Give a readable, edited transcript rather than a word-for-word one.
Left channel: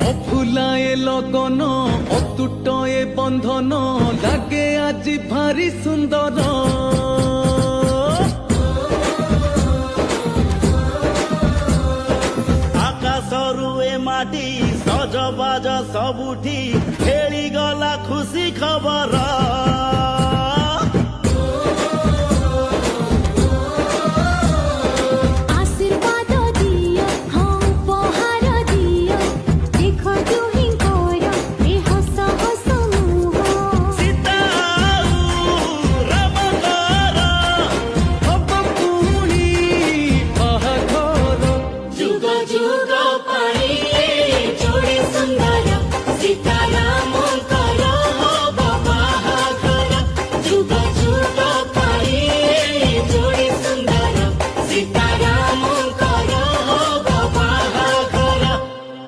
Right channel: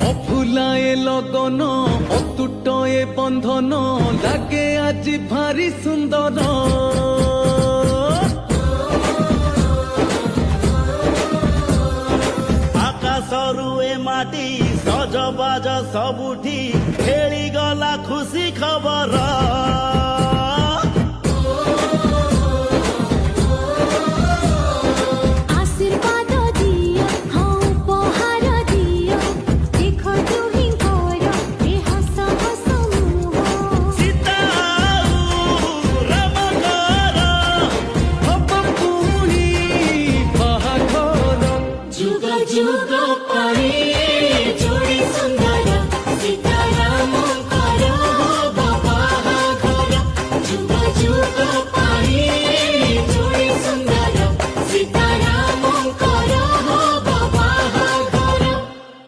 অফুলায়ে লগন অতুট এ বন্ধন লাগে আজি ভারি সুন্দর আকাশরু এ মাটি সজবাজ সবুঠি খেলি গলা খুশি খবর